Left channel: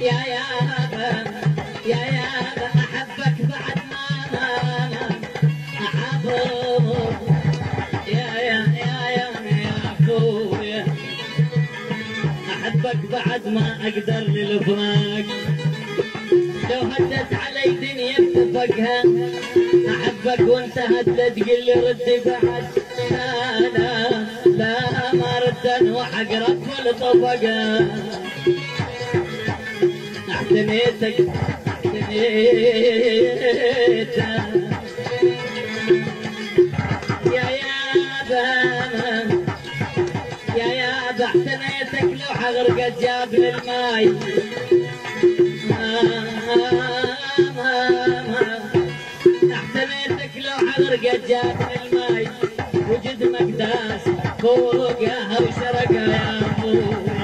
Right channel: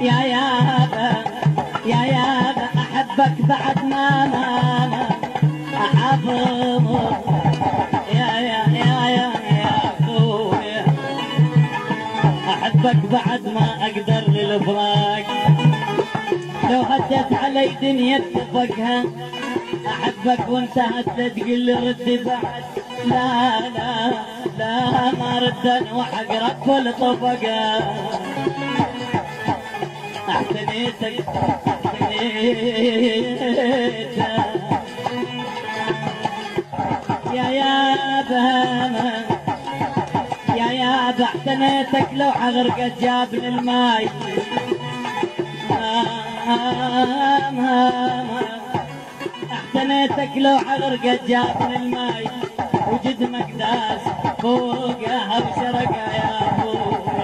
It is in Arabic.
يا يابا يا يابا احبك بعد ما انا احبك يا اخويا احبك بعد ما اقدر للفراق لو هدت علي دنيا بطبقها احبك وانتهت لا تقول لي رد بعد لا لا لا ما ردا وحقرب في الطبقه احتنيتك يا يابا احتنيتك لو حغرقت جابني الماي احتنيتك لو حغرقت جابني الماي وجد مقداس فوقها وشرقها يا ابوي